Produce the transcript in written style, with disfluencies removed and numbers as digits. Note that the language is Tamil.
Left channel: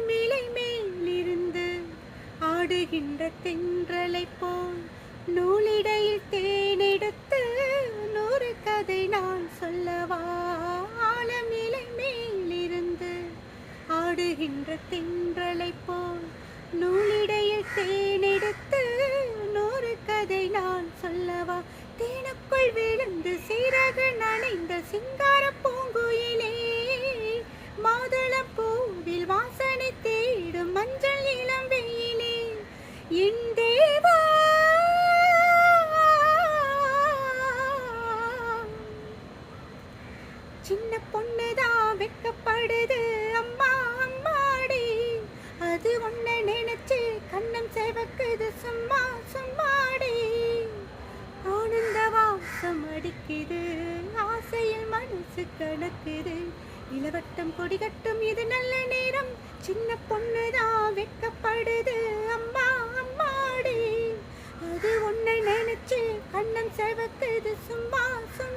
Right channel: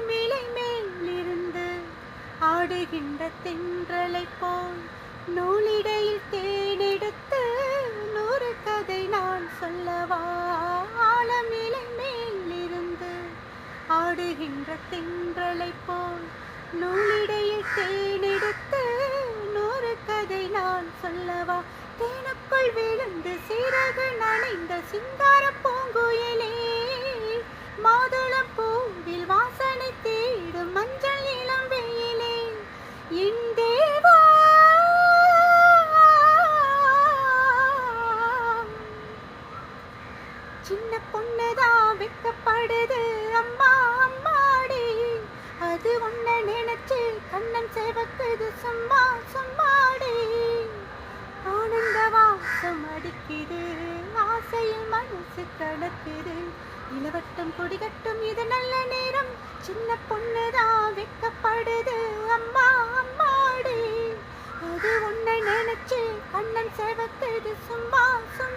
ஆலமிலை மேலிருந்து ஆடுகின்ற தென்றலை போல் நூலிடையில் தேனெடுத்து நூறு கதை நான் சொல்லவா. ஆலமிலை மேலிருந்து ஆடுகின்ற தென்றலை போல் நூலிடையில் தேனெடுத்து நூறு கதை நான் சொல்லவா. தேனுக்குள் விழுந்து சீரக நனைந்த சிங்கார பூங்குயிலே, மாதுளம் பூவில் வாசனை தேடும் மஞ்சள் இளம் வெயிலே, என் தேவா சின்ன பொண்ணுதான் வெக்கப்படுது அம்மா அம்மாடி, அது உன்னை நினைச்சு கண்ணன் சேவக்குது சும்மா சும்மாடி. ஆனந்த வாசம் அடிக்குது, ஆசையில் மனசு கணக்குது, இளவட்டம் கொடிகட்டும் இது நல்ல நேரம், சின்ன பொண்ணுதான் வெக்கப்படுது அம்மா அம்மாடி, அது உன்னை நினைச்சு கண்ணன் சேவக்குது சும்மா சும்மா.